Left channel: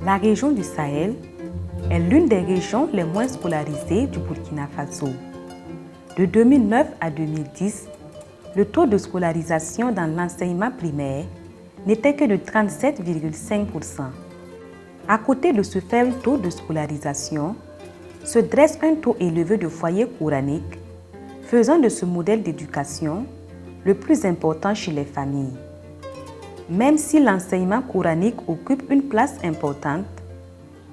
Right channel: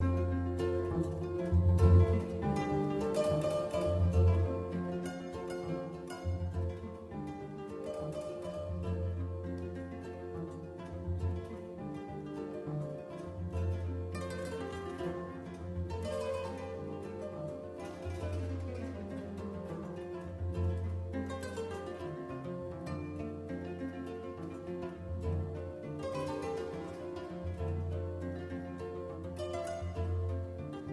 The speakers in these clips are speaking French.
La région du Sahel est l'une des régions les moins scolarisées du Burkina Faso. De 2009 à 2010, le taux de scolarisation dans l'enseignement primaire n'était que de 37,5%. À côté de ce faible taux de scolarisation, se dresse un taux élevé de foyers coraniques, faisant de ce modèle d'éducation le plus important chez les familles. Même si l'enseignement coranique occupe une place importante,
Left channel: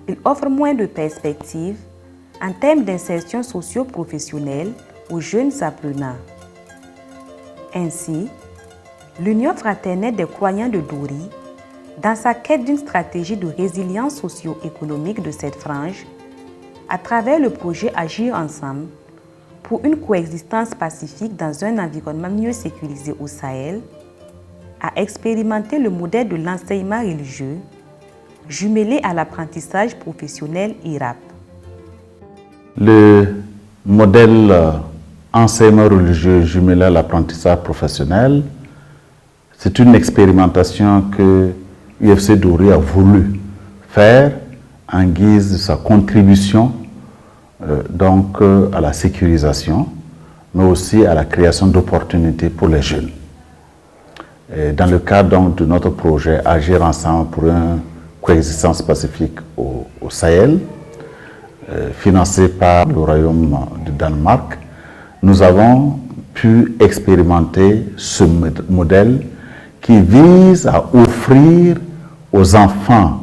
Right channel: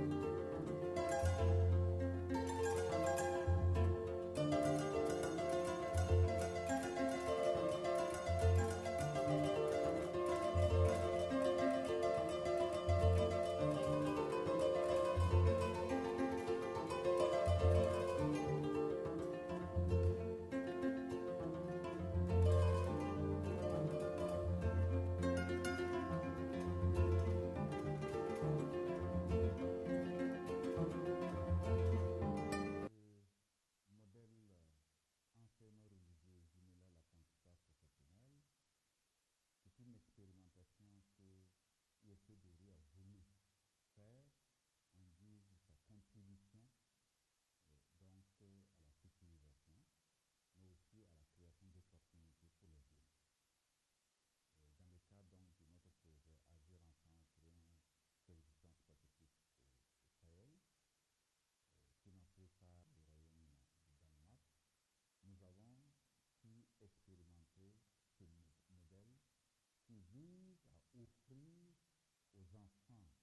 il offre moins de perspectives en termes d'insertion socio-professionnelle aux jeunes apprenants. Ainsi, l'Union fraternelle des croyants de Dori, dans sa quête d'une stratégie de résilience socio-économique de cette frange, à travers le projet Agir ensemble pour une coexistence pacifique dans un environnement mieux sécurisé au Sahel, a expérimenté le modèle de l'enseignement religieux jumelé à l'apprentissage professionnel IRAP. Le modèle enseignement religieux jumelé à l'apprentissage professionnel, c'est une expérimentation que UFC Dori a voulu faire en guise de sa contribution à la sécurisation, mais aussi à la création d'opportunités pour les jeunes. Et dans le cadre de notre projet Agir ensemble pour une coexistence pacifique au Sahel, financé par le Royaume du Danemark, nous avons pu expérimenter ce modèle qui vise à offrir aux enfants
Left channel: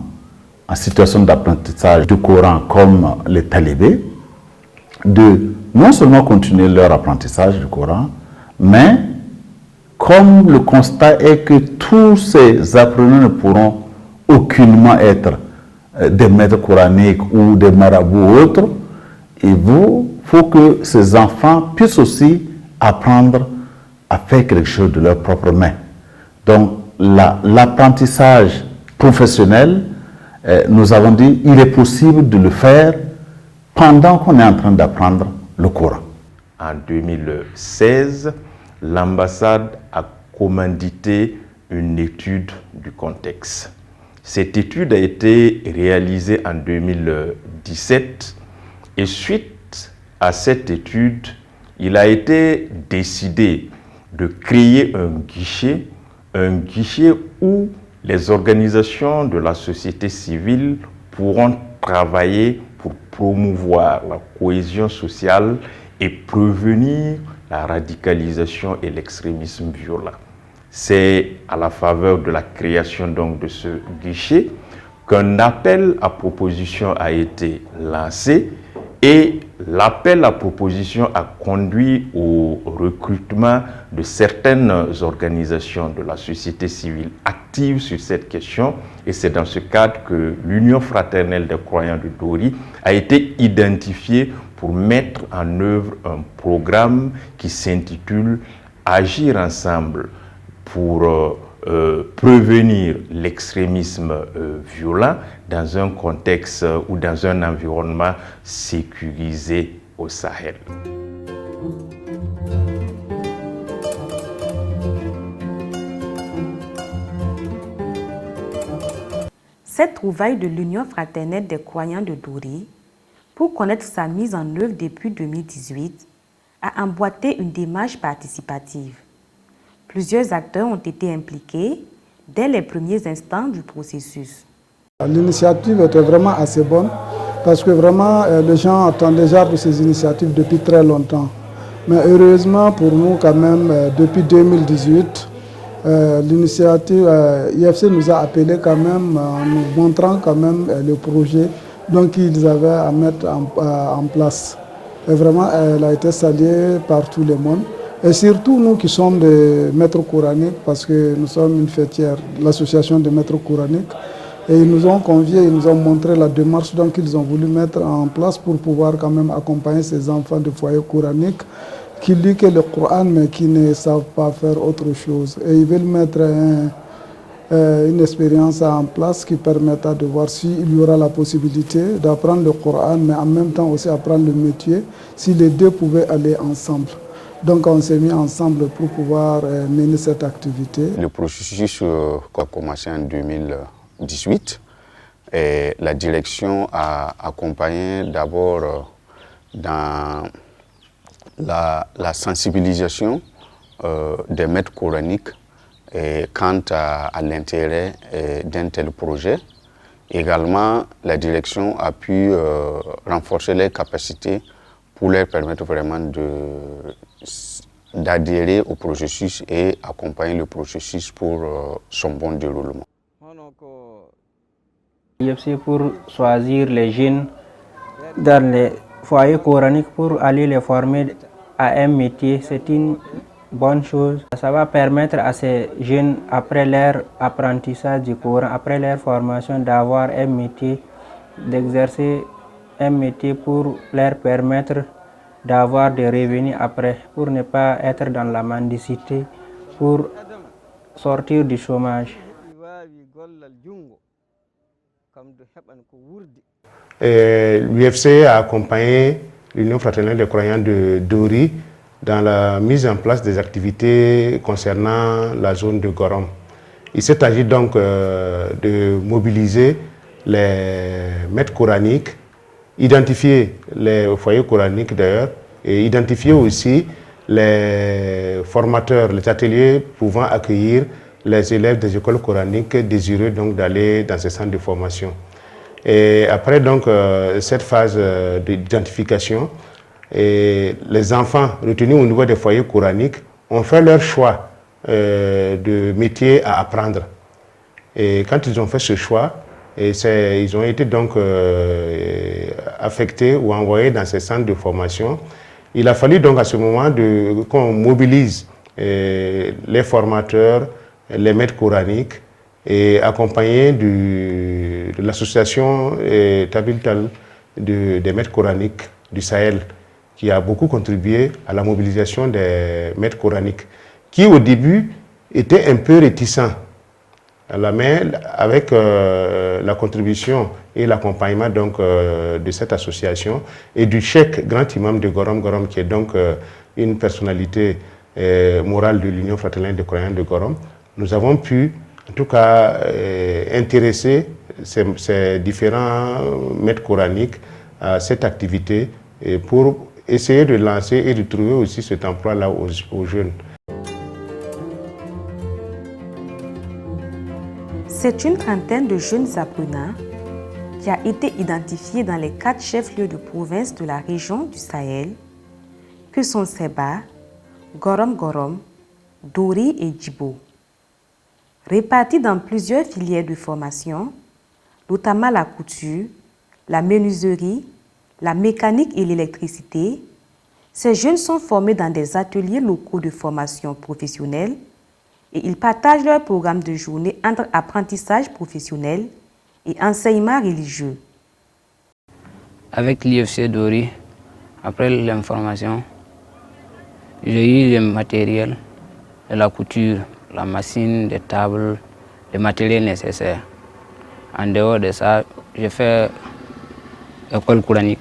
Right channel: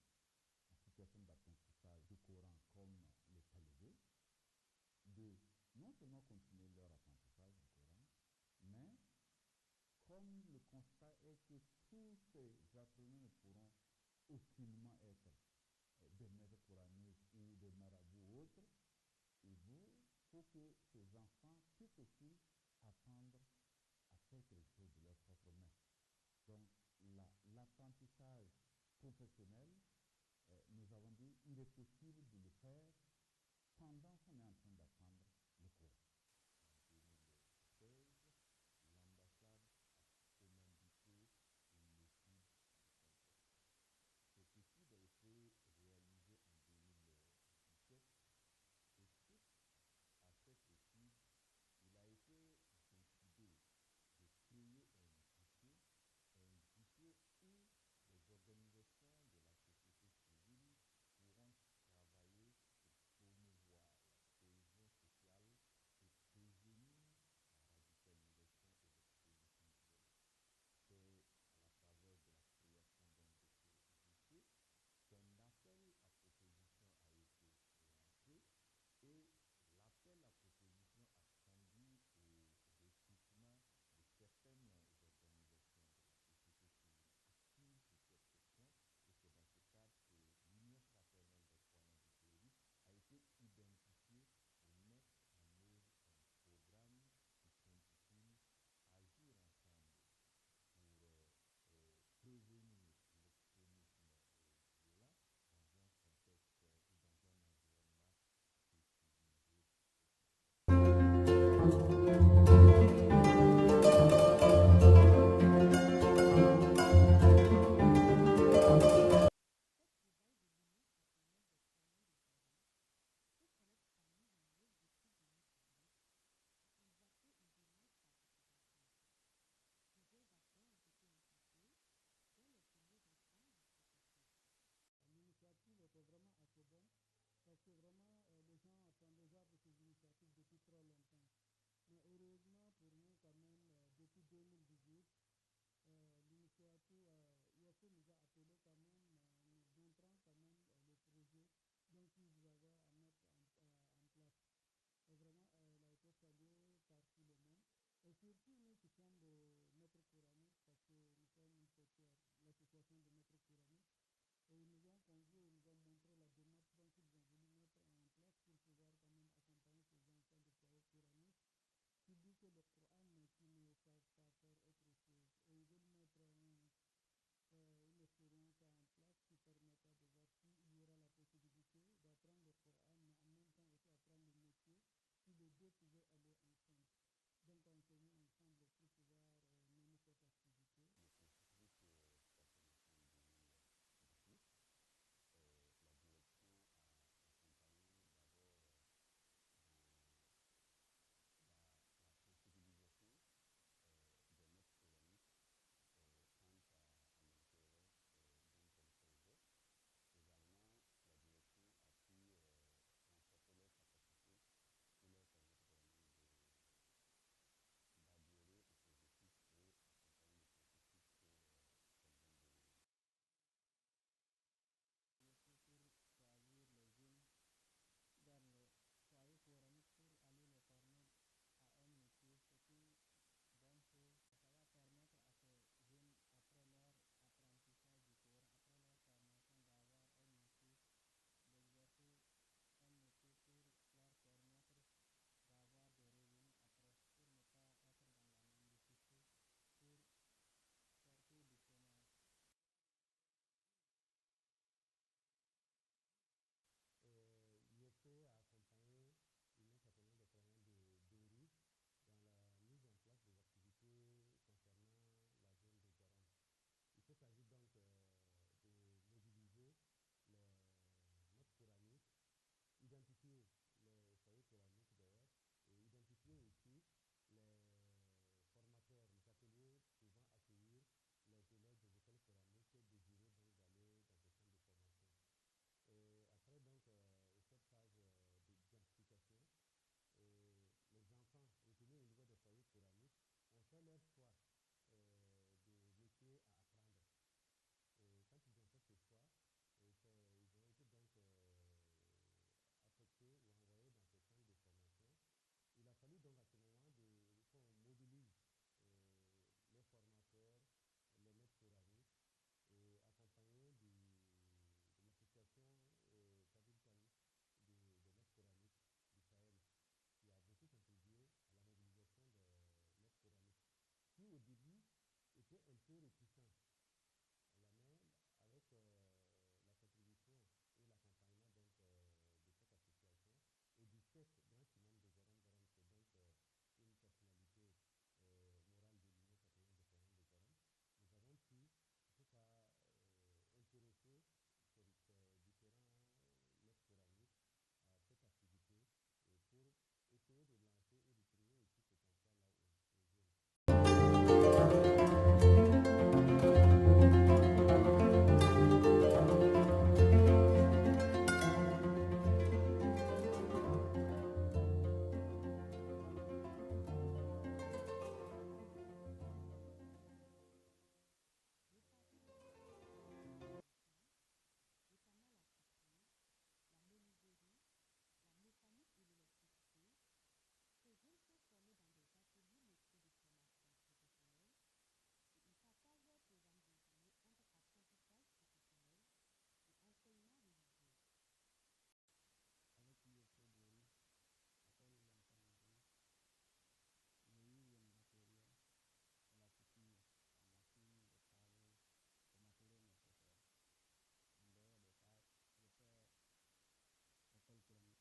en situation d'apprentissage du Coran comme les talibés, de non seulement continuer leur apprentissage du Coran, mais comme le constat est que tous ces apprenants ne pourront aucunement être des maîtres coraniques ou des marabouts ou autres, il faut que ces enfants puissent aussi apprendre à faire quelque chose de leurs propres mains. Donc l'apprentissage professionnel, nous avons dit, il est possible de le faire pendant qu'on est en train d'apprendre le Coran. En 2016, l'ambassade a commandité une étude du contexte. Cette étude a été réalisée en 2017 et suite à cette étude, il a été décidé de créer un guichet où les organisations de la société civile pourront travailler pour promouvoir la cohésion sociale et prévenir la radicalisation et l'extrémisme violent. C'est à la faveur de la création donc de ce guichet qu'un appel à proposition a été lancé et l'appel à proposition a conduit au recrutement de certaines organisations de la société civile actives sur cette question et c'est dans ce cadre que l'Union fraternelle des croyants de Dori a été identifiée pour mettre en œuvre un programme qui s'intitule « Agir ensemble pour prévenir l'extrémisme violent dans un contexte ou dans un environnement sécurisé au Sahel ». Cette trouvaille de l'Union fraternelle des croyants de Dori, pour connaître sa mise en œuvre depuis 2018, a emboîté une démarche participative. Plusieurs acteurs ont été impliqués dès les premiers instants du processus. L'initiative était vraiment assez bonne parce que vraiment les gens attendent déjà de ces initiatives depuis très longtemps. Mais heureusement pour nous quand même, depuis 2018, l'initiative IFC nous a appelés quand même en nous montrant quand même le projet qu'ils avaient à mettre en place. Et vraiment, elle a été saluée par tout le monde. Et surtout nous qui sommes des maîtres coraniques, parce que nous sommes une fêtière, l'association des maîtres coraniques, et ils nous ont conviés, ils nous ont montré la démarche qu'ils ont voulu mettre en place pour pouvoir quand même accompagner ces enfants de foyers coraniques qui lisent que le Coran mais qui ne savent pas faire autre chose. Et ils veulent mettre une expérience en place qui permettra de voir s'il y aura la possibilité d'apprendre le Coran mais en même temps aussi apprendre le métier, si les deux pouvaient aller ensemble. Donc on s'est mis ensemble pour pouvoir mener cette activité. Le processus a commencé en 2018 et la direction a accompagné d'abord dans la sensibilisation des maîtres coraniques quant à l'intérêt d'un tel projet. Également, la direction a pu renforcer les capacités pour leur permettre vraiment d'adhérer au processus et accompagner le processus pour son bon déroulement. L'IFC pour choisir les jeunes dans les foyers coraniques pour aller les former à un métier, c'est une bonne chose. Ça va permettre à ces jeunes, après leur apprentissage du Coran, après leur formation, d'avoir un métier, d'exercer un métier pour leur permettre d'avoir des revenus après, pour ne pas être dans la mendicité, pour sortir du chômage. L'UFC a accompagné l'Union fraternelle des croyants de Dori dans la mise en place des activités concernant la zone de Gorom. Il s'est agi donc de mobiliser les maîtres coraniques, identifier les foyers coraniques d'ailleurs, et identifier aussi les formateurs, les ateliers pouvant accueillir les élèves des écoles coraniques désireux donc d'aller dans ces centres de formation. Et après donc cette phase d'identification, les enfants retenus au niveau des foyers coraniques ont fait leur choix de métier à apprendre. Et quand ils ont fait ce choix, ils ont été donc affectés ou envoyés dans ces centres de formation. Il a fallu donc à ce moment qu'on mobilise les formateurs, les maîtres coraniques, et accompagné de l'association Tabil-Tal des maîtres coraniques du Sahel, qui a beaucoup contribué à la mobilisation des maîtres coraniques, qui au début étaient un peu réticents. Mais avec la contribution et l'accompagnement donc de cette association et du cheikh grand imam de Gorom, qui est donc une personnalité morale de l'Union fraternelle des croyants de Gorom, nous avons pu en tout cas intéresser ces différents maîtres coraniques à cette activité pour essayer de lancer et de trouver aussi cet emploi-là aux jeunes. C'est une trentaine de jeunes apprenants qui a été identifiée dans les 4 chefs-lieux de province de la région du Sahel, que sont Seba, Gorom, Dori et Djibo. Répartis dans plusieurs filières de formation, notamment la couture, la menuiserie, la mécanique et l'électricité, ces jeunes sont formés dans des ateliers locaux de formation professionnelle et ils partagent leur programme de journée entre apprentissage professionnel et enseignement religieux. Avec l'IFC Dori, après l'information, j'ai eu le matériel de la couture, la machine, des tables, le matériel nécessaire. En dehors de ça, j'ai fait l'école coranique.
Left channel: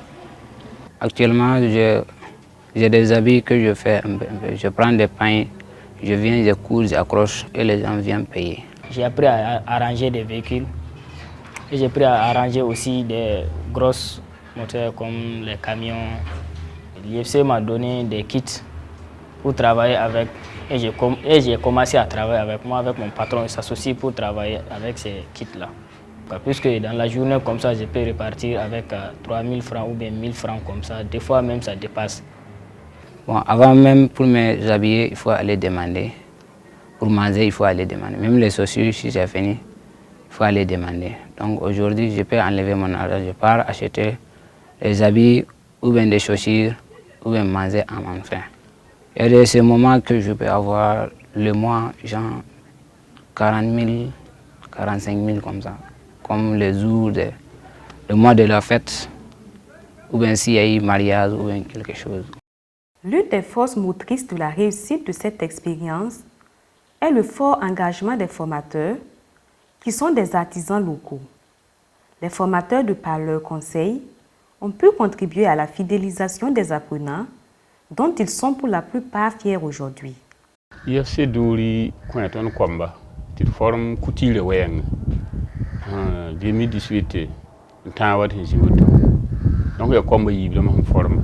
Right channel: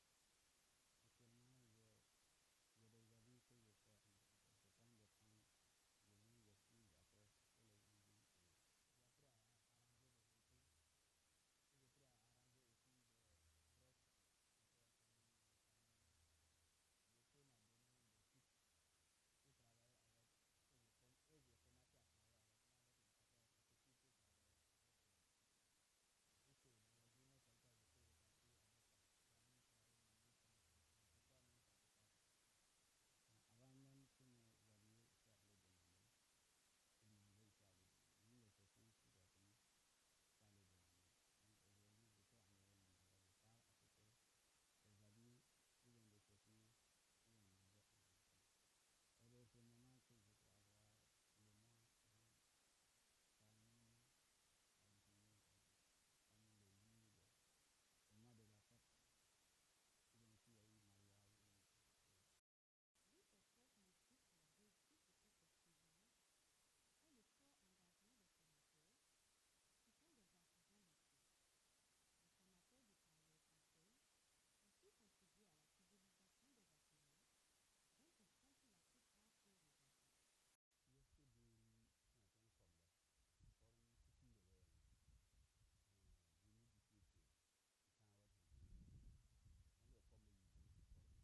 Actuellement, j'ai des habits que je fais un peu. Je prends des pains, je viens, je couds, j'accroche et les gens viennent payer. J'ai appris à arranger des véhicules et j'ai appris à arranger aussi des grosses moteurs comme les camions. L'IFC m'a donné des kits pour travailler avec et j'ai commencé à travailler avec moi, avec mon patron. Il s'associe pour travailler avec ces kits-là. Puisque dans la journée comme ça, je peux repartir avec 3 000 francs ou bien 1 000 francs comme ça. Des fois même, ça dépasse. Bon, avant même, pour m'habiller, il faut aller demander. Pour manger, il faut aller demander. Même les chaussures, si j'ai fini, il faut aller demander. Donc aujourd'hui, je peux enlever mon argent. Je pars acheter les habits ou bien des chaussures ou bien manger à mon faim. Et de ce moment que je peux avoir le mois, genre 40 000, 45 000 comme ça. Comme les jours, le mois de la fête, ou bien s'il y a eu mariage ou bien quelque chose. L'une des forces motrices de la réussite de cette expérience est le fort engagement des formateurs, qui sont des artisans locaux. Les formateurs, de par leurs conseils, ont pu contribuer à la fidélisation des apprenants dont ils sont pour la plupart fiers aujourd'hui. IFC Douri Koueton Kwamba, il forme Koutile Weng, 2018, Tawat Hijibuto. Donc il y a Kwamba Yiblam forme.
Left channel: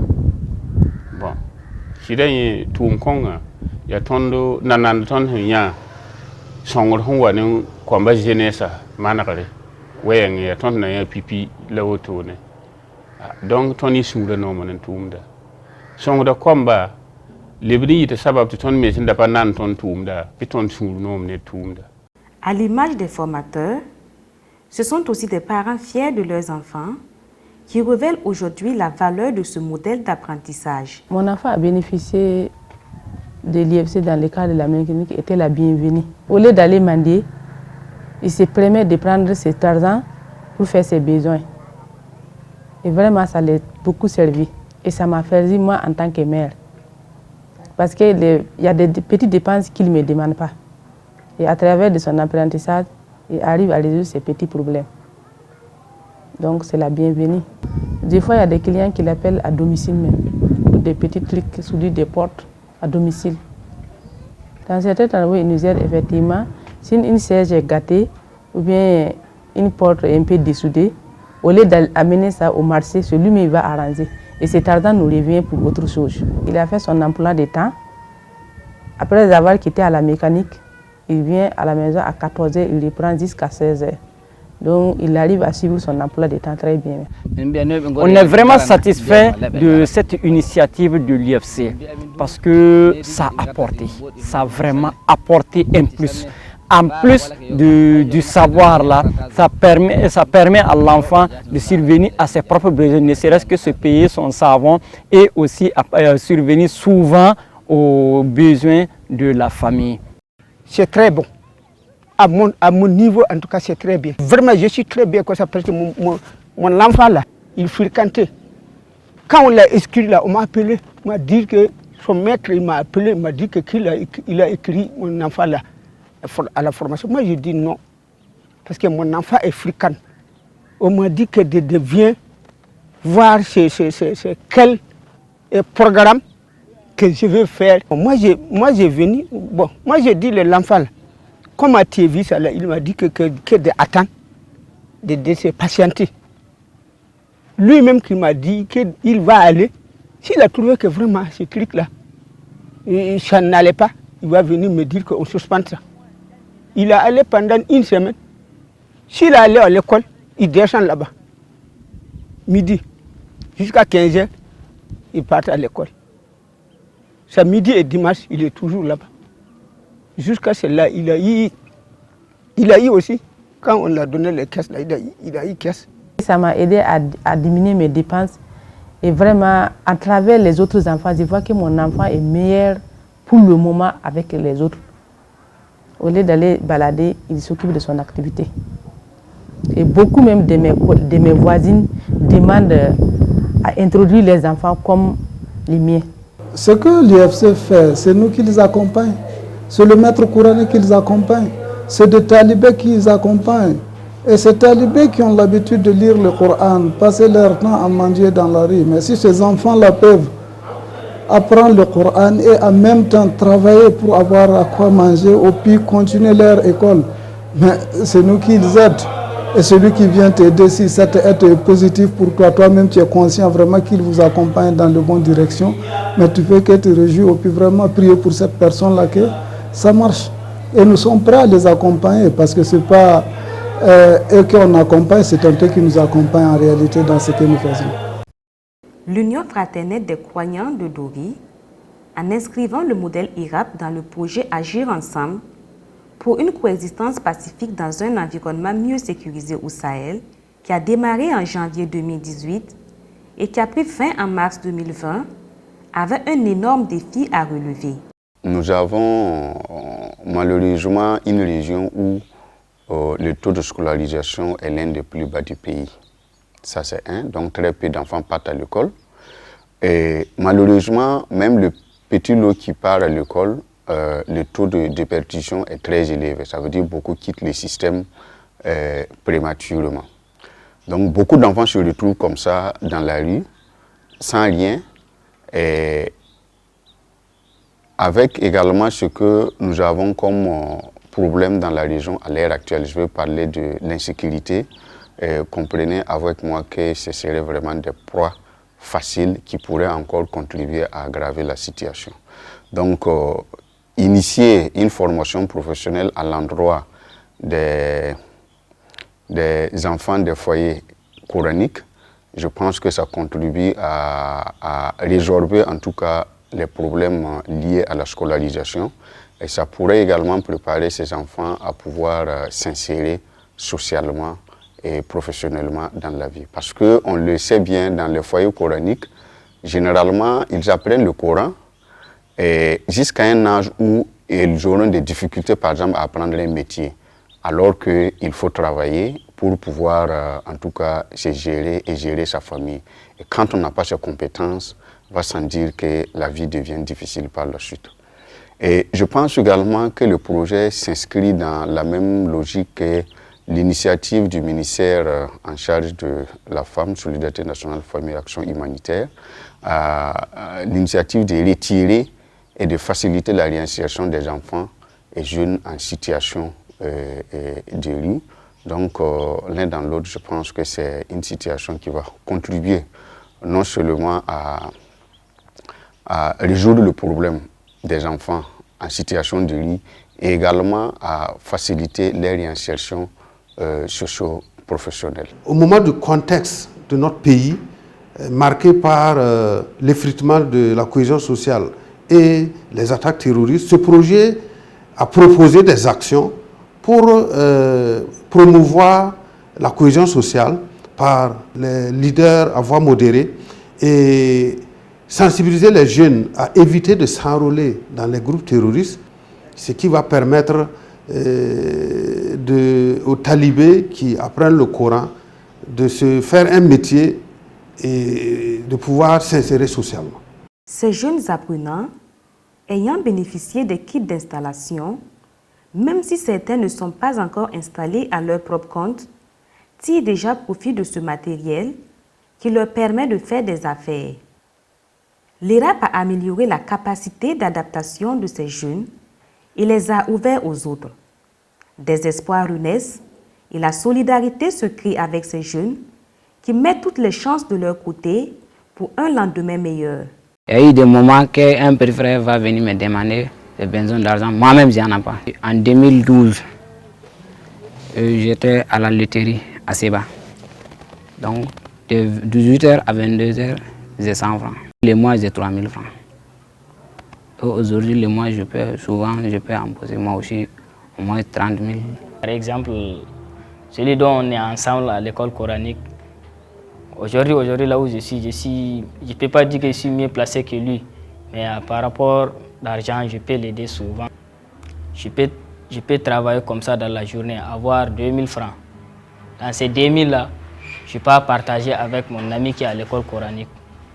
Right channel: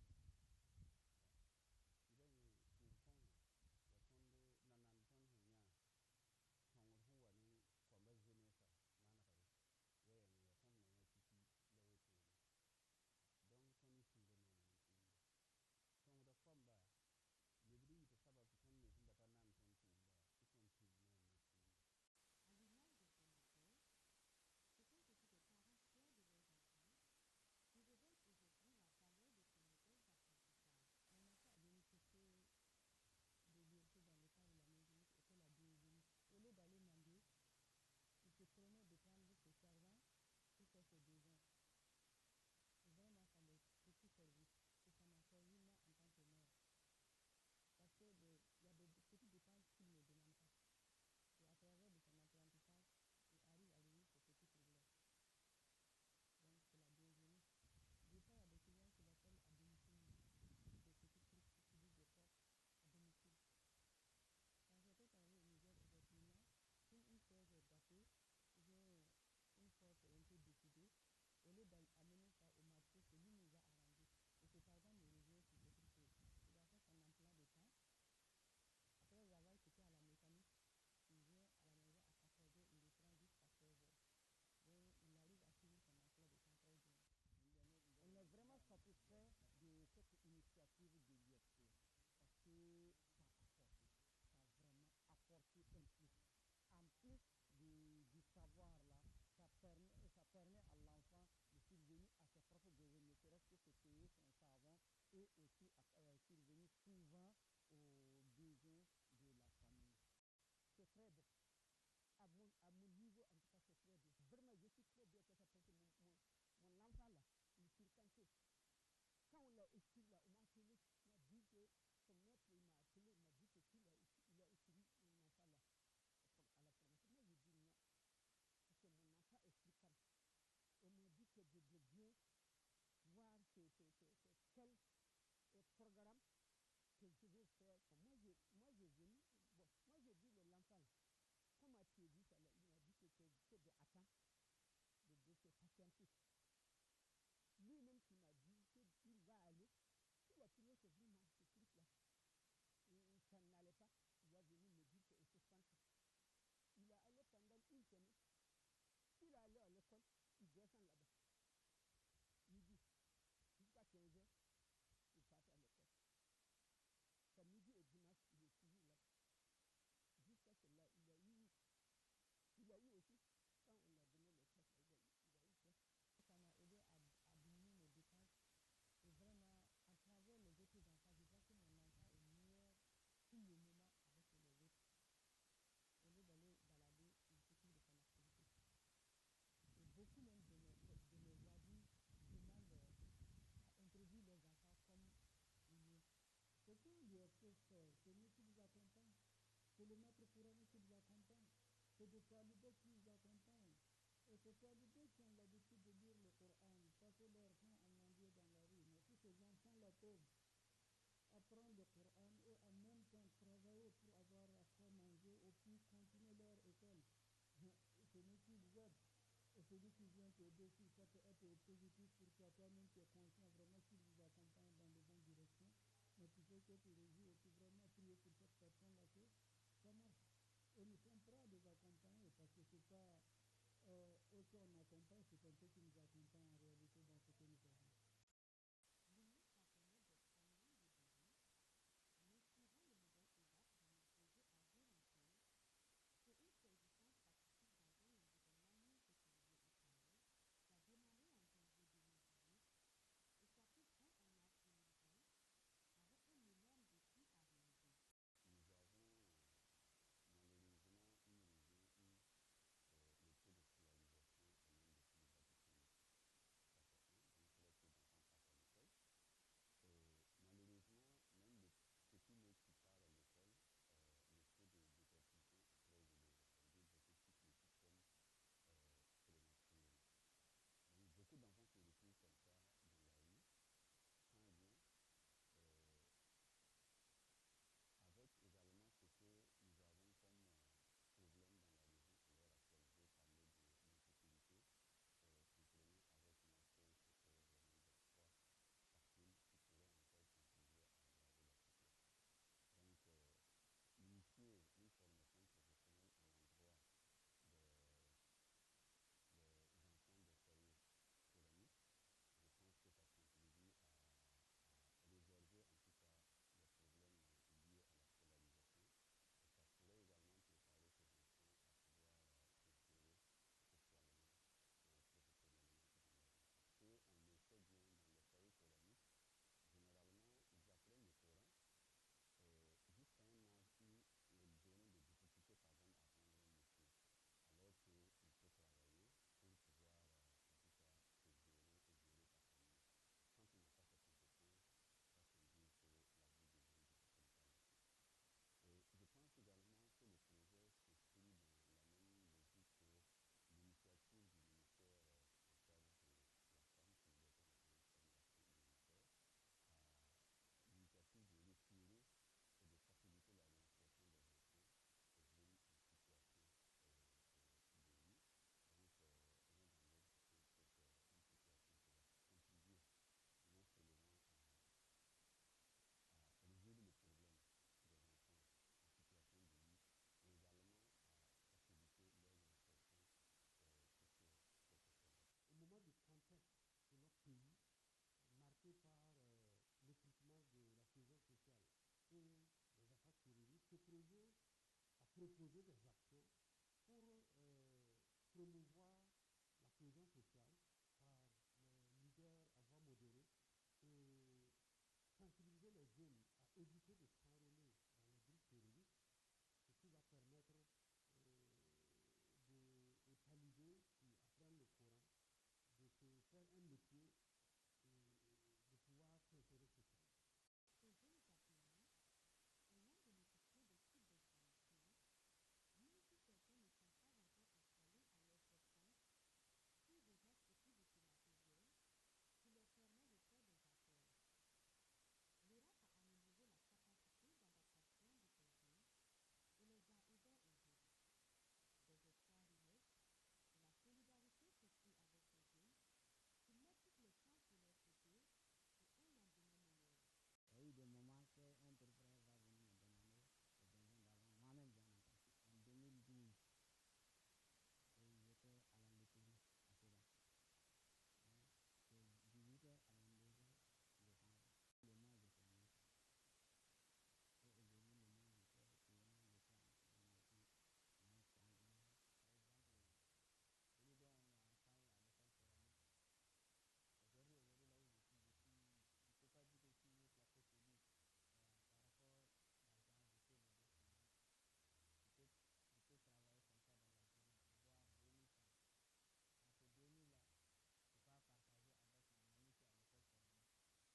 Bon, si il tout un conga, il y a tondo Nanan Ton Hia, Songor Hongwan, Kwamba Genesa, Manakare, Weng, il y a ton Naya Pipi, Laotone. Donc Tony Sura Norman and Tumda. Songor Kwamba. À l'image des formateurs, ce sont aussi des parents fiers de leurs enfants qui révèlent aujourd'hui la valeur de ce modèle d'apprentissage. Mon enfant a bénéficié de l'IFC dans le cadre de la mécanique, était la bienvenue. Au lieu d'aller mendier, il se permet de prendre cet argent pour faire ses besoins. Et vraiment, ça l'a beaucoup servi. Et ça m'a fait moi en tant que mère. Parce qu'il y a des petites dépenses qu'il ne me demande pas. Et à travers de son apprentissage, il arrive à résoudre ces petits problèmes. Donc c'est la bienvenue. Des fois, il y a des clients qui l'appellent à domicile même, pour des petits trucs soudés des portes à domicile. Dans certains endroits, il nous aide effectivement, si une siège est gâtée ou bien une porte est un peu dessoudée, au lieu d'amener ça au marché, celui-même va arranger. Et cet argent nous revient pour autre chose. Il a fait son emploi de temps. Après avoir quitté à la mécanique, il vient à la maison à 14h, il reprend jusqu'à 16h. Donc il arrive à suivre son emploi de temps très bien. On est vraiment satisfait de cette initiative de l'IFC parce que ça a vraiment apporté un plus. En plus du savoir là, ça permet à l'enfant de survenir à ses propres besoins, ne serait-ce que se payer son savon et aussi survenir souvent aux besoins de la famille. C'est très bon. À mon niveau, en tout cas, c'est très bien. Vraiment, je suis très bien comme ça parce que mon enfant là, il fréquentait. Quand on l'a inscrit là, on m'a appelé, on m'a dit que son maître il m'a appelé, il m'a dit qu'il a écrit mon enfant là à la formation. Moi, je dis non, parce que mon enfant est fréquent. On m'a dit que de venir voir quel programme que je veux faire. Moi, j'ai venu, bon, moi, j'ai dit l'enfant là, comment tu as vu ça là, il m'a dit que d'attendre, de se patienter. Lui-même qui m'a dit qu'il va aller, s'il a trouvé que vraiment ce truc-là, ça n'allait pas, il va venir me dire qu'on suspend ça. Il est allé pendant une semaine. S'il est allé à l'école, il descend là-bas. Midi, jusqu'à 15h, il part à l'école. C'est midi et dimanche, il est toujours là-bas. Jusqu'à cela, il a eu aussi, quand on l'a donné les caisses, là, il a eu caisse. Ça m'a aidé à diminuer mes dépenses. Et vraiment, à travers les autres enfants, je vois que mon enfant est meilleur pour le moment avec les autres. Au lieu d'aller balader, il s'occupe de son activité. Et beaucoup même de mes voisines demandent à introduire les enfants comme les miens. Ce que l'IFC fait, c'est nous qui les accompagnons. C'est le maître coranique qui les accompagne. C'est des talibés qui les accompagnent. Et ces talibés qui ont l'habitude de lire le Coran, passer leur temps à manger dans la rue. Mais si ces enfants-là peuvent apprendre le Coran et en même temps travailler pour avoir à quoi manger ou puis continuer leur école, mais c'est nous qui les aidons. Et celui qui vient t'aider, si cette aide est positive pour toi, toi-même tu es conscient vraiment qu'il vous accompagne dans la bonne direction, mais tu fais que te réjouir et puis vraiment prier pour cette personne-là que ça marche. Et nous sommes prêts à les accompagner parce que ce n'est pas eux qu'on accompagne, c'est eux qui nous accompagnent en réalité dans ce que nous faisons. L'Union fraternelle des croyants de Dori, en inscrivant le modèle IRAP dans le projet Agir ensemble pour une coexistence pacifique dans un environnement mieux sécurisé au Sahel, qui a démarré en janvier 2018 et qui a pris fin en mars 2020, avait un énorme défi à relever. Nous avons malheureusement une région où le taux de scolarisation est l'un des plus bas du pays. Ça c'est un, donc très peu d'enfants partent à l'école. Et malheureusement, même le petit lot qui part à l'école, le taux de déperdition est très élevé. Ça veut dire que beaucoup quittent le système prématurément. Donc beaucoup d'enfants se retrouvent comme ça dans la rue, sans rien. Et avec également ce que nous avons comme problème dans la région à l'heure actuelle. Je vais parler de l'insécurité. Comprenez avec moi que ce serait vraiment des proies faciles qui pourraient encore contribuer à aggraver la situation. Donc, initier une formation professionnelle à l'endroit des enfants des foyers coraniques, je pense que ça contribue à résorber en tout cas les problèmes liés à la scolarisation, et ça pourrait également préparer ces enfants à pouvoir s'insérer socialement et professionnellement dans la vie. Parce qu'on le sait bien, dans les foyers coraniques, généralement, ils apprennent le Coran jusqu'à un âge où ils auront des difficultés, par exemple, à apprendre un métier, alors qu'il faut travailler pour pouvoir, en tout cas, se gérer et gérer sa famille. Et quand on n'a pas ces compétences, on va sans dire que la vie devient difficile par la suite. Et je pense également que le projet s'inscrit dans la même logique que l'initiative du ministère en charge de la femme, Solidarité nationale, famille et action humanitaire, l'initiative de retirer et de faciliter la réinsertion des enfants et jeunes en situation de rue. Donc, l'un dans l'autre, je pense que c'est une situation qui va contribuer non seulement à résoudre le problème des enfants en situation de rue, et également à faciliter leur réinsertion socio-professionnelle. Au moment du contexte de notre pays, marqué par l'effritement de la cohésion sociale et les attaques terroristes, ce projet a proposé des actions pour promouvoir la cohésion sociale par les leaders à voix modérée et sensibiliser les jeunes à éviter de s'enrôler dans les groupes terroristes, ce qui va permettre aux talibés qui apprennent le Coran de se faire un métier et de pouvoir s'insérer socialement. Ces jeunes apprenants, ayant bénéficié des kits d'installation, même si certains ne sont pas encore installés à leur propre compte, tirent déjà profit de ce matériel qui leur permet de faire des affaires. L'ERAP a amélioré la capacité d'adaptation de ces jeunes et les a ouverts aux autres. Des espoirs renaissent et la solidarité se crée avec ces jeunes qui mettent toutes les chances de leur côté pour un lendemain meilleur. Il y a eu des moments qu'un petit frère va venir me demander des besoins d'argent. Moi-même, je n'en ai pas. En 2012, j'étais à la laiterie à Seba. Donc, de 18h à 22h, j'ai 100 francs. Les mois, j'ai 3000 francs. Aujourd'hui, les mois, je peux imposer moi aussi au moins 30 000. Par exemple, celui dont on est ensemble à l'école coranique, aujourd'hui là où je ne peux pas dire que je suis mieux placé que lui, mais par rapport à l'argent, je peux l'aider souvent. Je peux travailler comme ça dans la journée, avoir 2000 francs. Dans ces 2000 là, je peux partager avec mon ami qui est à l'école coranique.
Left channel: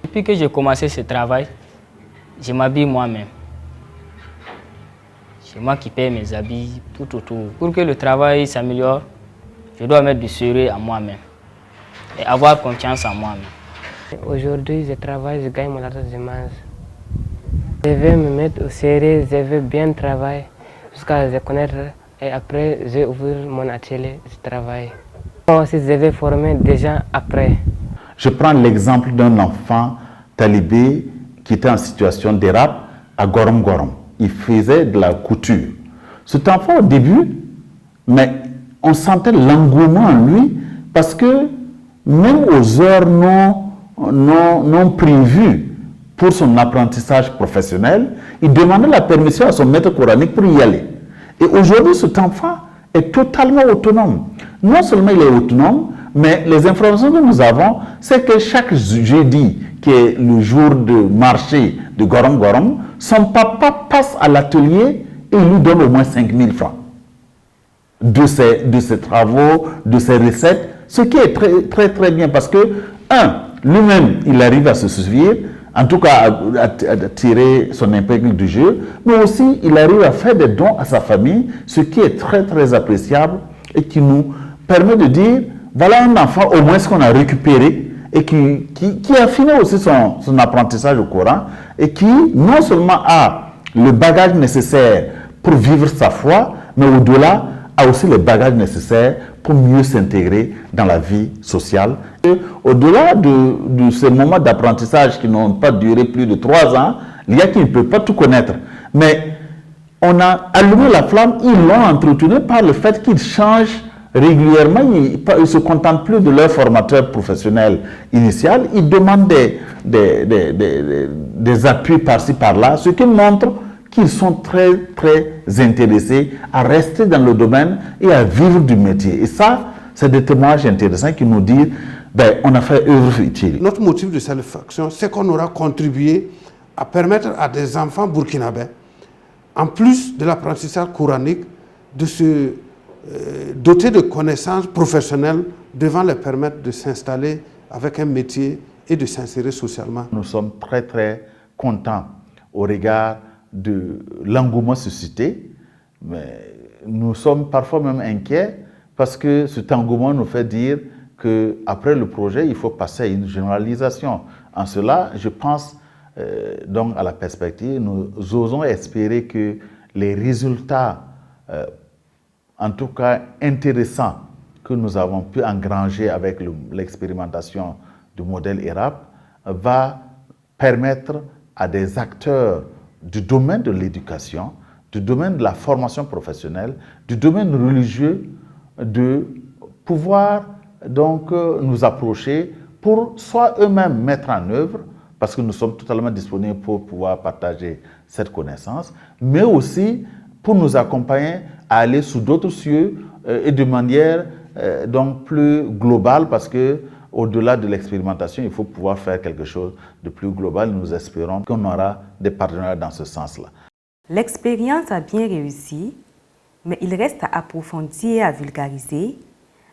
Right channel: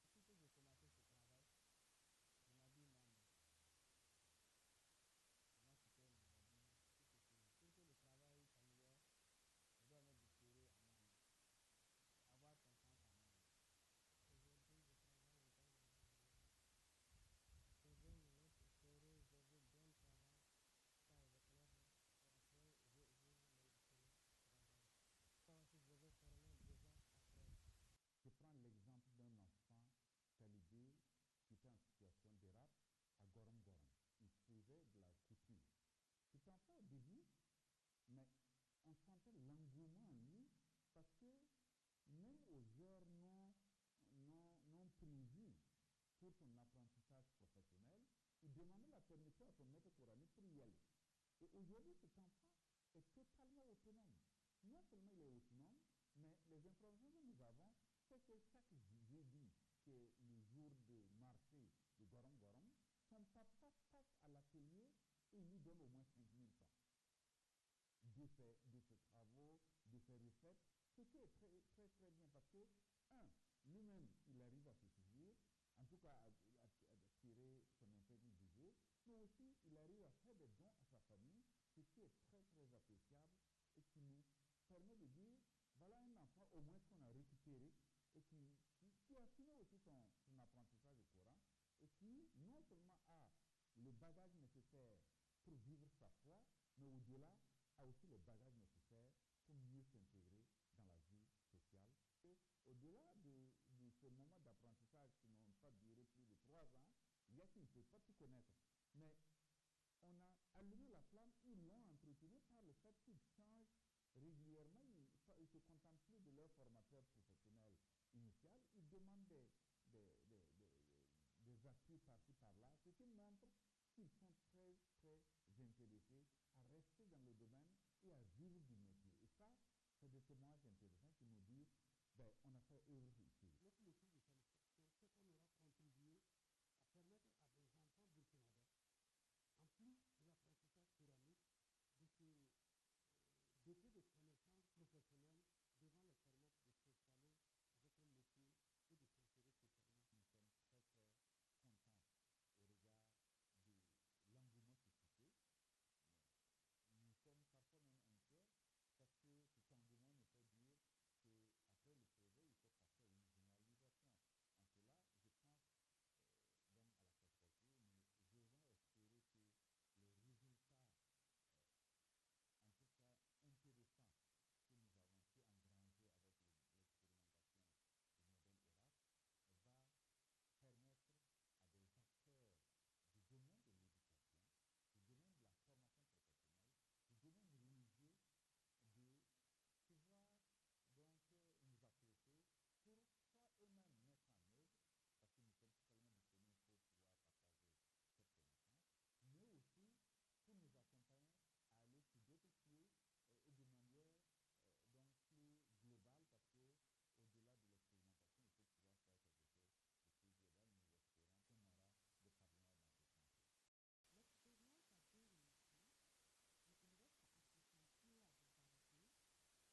Depuis que j'ai commencé ce travail, je m'habille moi-même. C'est moi qui paye mes habits, tout autour. Pour que le travail s'améliore, je dois mettre du sérieux à moi-même et avoir confiance en moi-même. Aujourd'hui, je travaille, je gagne mon argent, je mange. Je vais me mettre au sérieux, je vais bien travailler jusqu'à se connaître et après, je vais ouvrir mon atelier, je travaille. Moi aussi, je vais former des gens après. Je prends l'exemple d'un enfant talibé qui était en situation d'érable à Gorom Gorom. Il faisait de la couture. Cet enfant, au début, mais on sentait l'engouement en lui parce que même aux heures non prévues pour son apprentissage professionnel, il demandait la permission à son maître coranique pour y aller. Et aujourd'hui, cet enfant est totalement autonome. Non seulement il est autonome, mais les informations que nous avons, c'est que chaque jeudi, qui est le jour de marché de Gorom Gorom, son papa passe à l'atelier et il lui donne au moins 5000 francs de ses travaux, de ses recettes, ce qui est très bien parce que, lui-même, il arrive à se suffire, en tout cas à tirer son épingle du jeu, mais aussi il arrive à faire des dons à sa famille, ce qui est très appréciable et qui nous permet de dire, voilà un enfant au moins ce qu'on a récupéré et qui a fini aussi son apprentissage au Coran et qui non seulement a le bagage nécessaire pour vivre sa foi, mais au-delà, a aussi les bagages nécessaires pour mieux s'intégrer dans la vie sociale. Au-delà de ces moments d'apprentissage qui n'ont pas duré plus de 3 ans, il y a qui ne peuvent pas tout connaître. Mais on a allumé la flamme, ils l'ont entretenue par le fait qu'ils changent régulièrement, ils ne se contentent plus de leur formateur professionnel initial, ils demandent des appuis par-ci par-là, ce qui montre qu'ils sont très intéressés à rester dans le domaine et à vivre du métier. Et ça, c'est des témoignages intéressants qui nous disent on a fait œuvre utile. Notre motif de satisfaction, c'est qu'on aura contribué à permettre à des enfants burkinabés, en plus de l'apprentissage coranique, de se doter de connaissances professionnelles devant leur permettre de s'installer avec un métier et de s'insérer socialement. Nous sommes très contents au regard de l'engouement suscité, mais nous sommes parfois même inquiets parce que cet engouement nous fait dire qu'après le projet, il faut passer à une généralisation. En cela, je pense donc à la perspective, nous osons espérer que les résultats, en tout cas intéressants, que nous avons pu engranger avec l'expérimentation du modèle ERAP, va permettre à des acteurs du domaine de l'éducation, du domaine de la formation professionnelle, du domaine religieux, de pouvoir donc nous approcher pour soit eux-mêmes mettre en œuvre, parce que nous sommes totalement disponibles pour pouvoir partager cette connaissance, mais aussi pour nous accompagner à aller sous d'autres cieux et de manière donc plus globale, parce que au-delà de l'expérimentation, il faut pouvoir faire quelque chose de plus global. Nous espérons qu'on aura des partenaires dans ce sens-là. L'expérience a bien réussi, mais il reste à approfondir et à vulgariser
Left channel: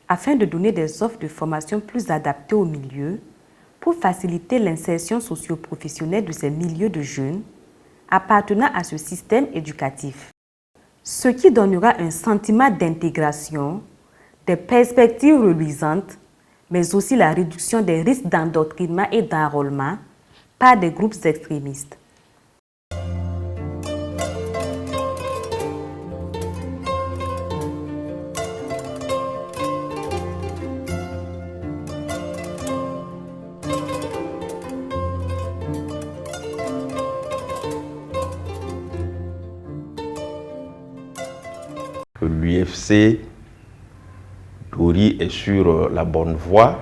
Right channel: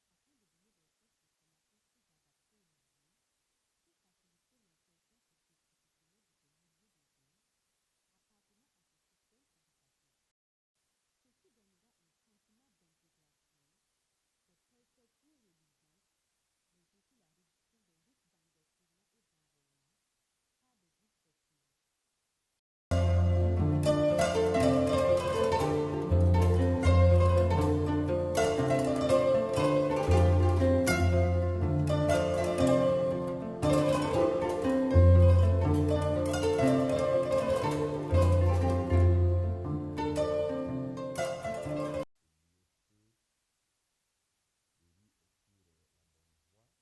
afin de donner des offres de formation plus adaptées au milieu pour faciliter l'insertion socio-professionnelle de ces milieux de jeunes appartenant à ce système éducatif. Ce qui donnera un sentiment d'intégration, des perspectives reluisantes, mais aussi la réduction des risques d'endoctrinement et d'enrôlement par des groupes extrémistes. L'UFC Dori est sur la bonne voie,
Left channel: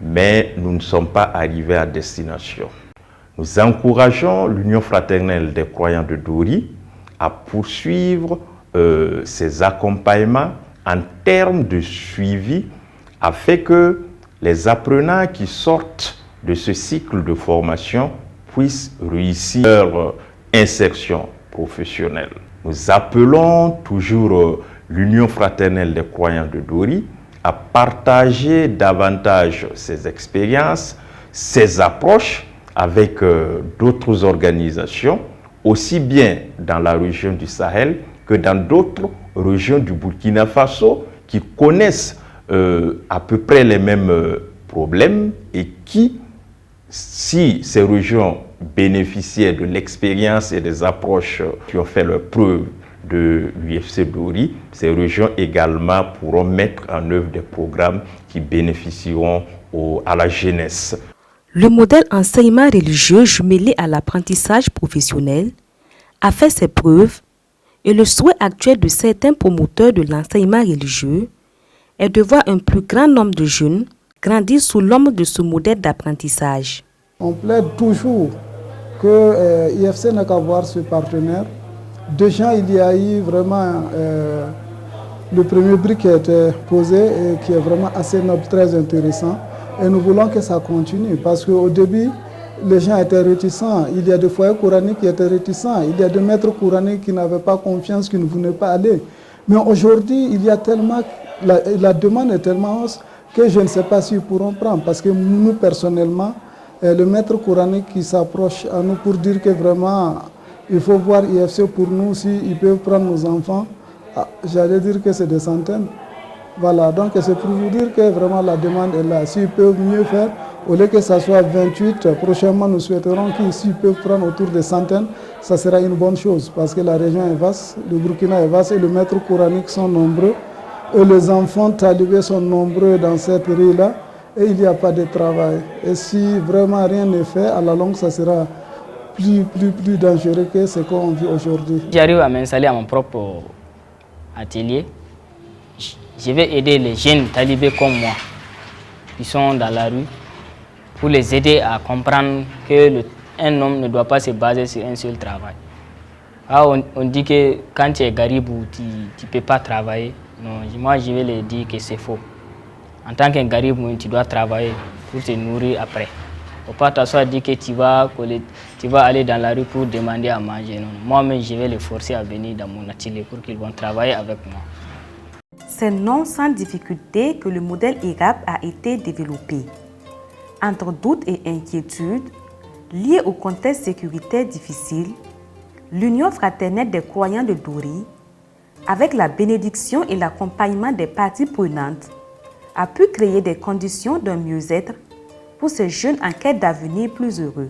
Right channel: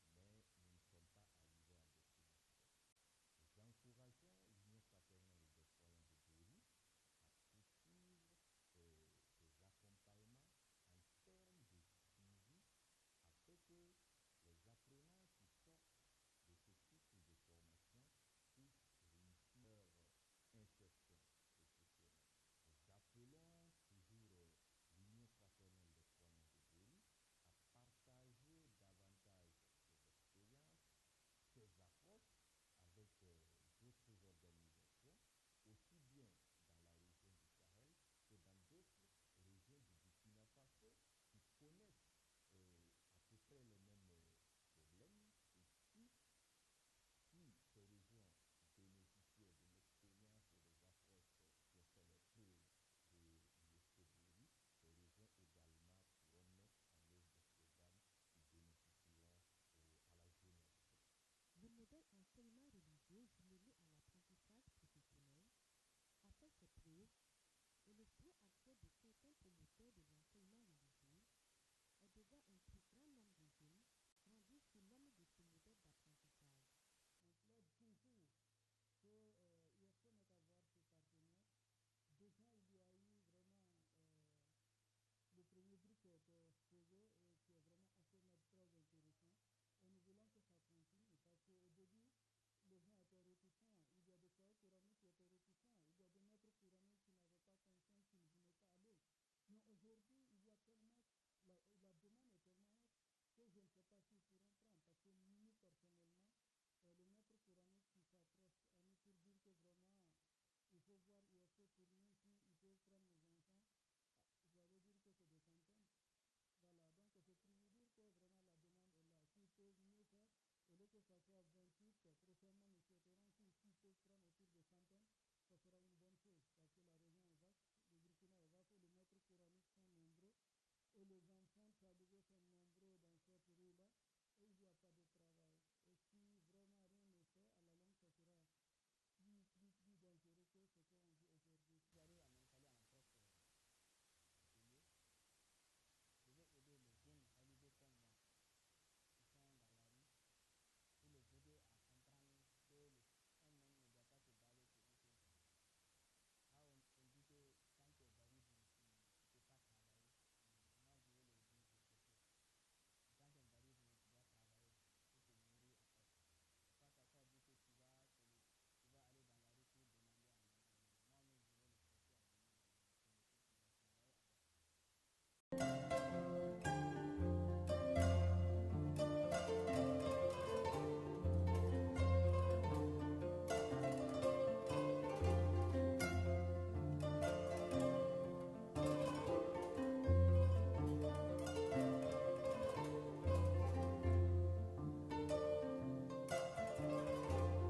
mais nous ne sommes pas arrivés à destination. Nous encourageons l'Union fraternelle des croyants de Dori à poursuivre ses accompagnements en termes de suivi afin que les apprenants qui sortent de ce cycle de formation puissent réussir leur insertion professionnelle. Nous appelons toujours l'Union fraternelle des croyants de Dori à partager davantage ses expériences, ses approches avec d'autres organisations, aussi bien dans la région du Sahel que dans d'autres régions du Burkina Faso qui connaissent à peu près les mêmes problèmes et qui, si ces régions bénéficiaient de l'expérience et des approches qui ont fait leur preuve de l'UFC Dori, ces régions également pourront mettre en œuvre des programmes qui bénéficieront à la jeunesse. Le modèle enseignement religieux jumelé à l'apprentissage professionnel a fait ses preuves et le souhait actuel de certains promoteurs de l'enseignement religieux est de voir un plus grand nombre de jeunes grandir sous l'ombre de ce modèle d'apprentissage. On plaide toujours que l'IFC n'a qu'à voir ce partenaire. Déjà, il y a eu vraiment le premier brique qui a été posé et qui est vraiment assez noble, très intéressant. Et nous voulons que ça continue parce qu'au début, les gens étaient réticents. Il y a des foyers coraniques qui étaient réticents. Il y a des maîtres coraniques qui n'avaient pas confiance, qui ne voulaient pas aller. Mais aujourd'hui, il y a tellement, la demande est tellement hausse que je ne sais pas s'ils pourront prendre. Parce que nous, personnellement, le maître coranique qui s'approche à nous pour dire que vraiment, il faut voir IFC pour nous, s'ils peuvent prendre nos enfants. J'allais dire que c'est des centaines. Voilà, donc c'est pour vous dire que vraiment la demande est là. S'ils peuvent mieux faire, Au lieu que ça soit 28, prochainement nous souhaiterons qu'ici peuvent prendre autour des centaines. Ça sera une bonne chose parce que la région est vaste, le Burkina est vaste et les maîtres coraniques sont nombreux. Et les enfants talibés sont nombreux dans cette rue-là et il n'y a pas de travail. Et si vraiment rien n'est fait, à la longue, ça sera plus dangereux que ce qu'on vit aujourd'hui. J'arrive à m'installer à mon propre atelier. Je vais aider les jeunes talibés comme moi qui sont dans la rue pour les aider à comprendre qu'un homme ne doit pas se baser sur un seul travail. Alors on dit que quand tu es garibou, tu ne peux pas travailler. Non, moi je vais leur dire que c'est faux. En tant qu'un garibou, tu dois travailler pour te nourrir après. Il ne faut pas t'asseoir dire que tu vas aller dans la rue pour demander à manger. Moi-même, je vais les forcer à venir dans mon atelier pour qu'ils vont travailler avec moi. C'est non sans difficulté que le modèle EGAP a été développé. Entre doutes et inquiétudes, liées au contexte sécuritaire difficile, l'Union fraternelle des croyants de Dori, avec la bénédiction et l'accompagnement des parties prenantes, a pu créer des conditions d'un mieux-être pour ces jeunes en quête d'avenir plus heureux.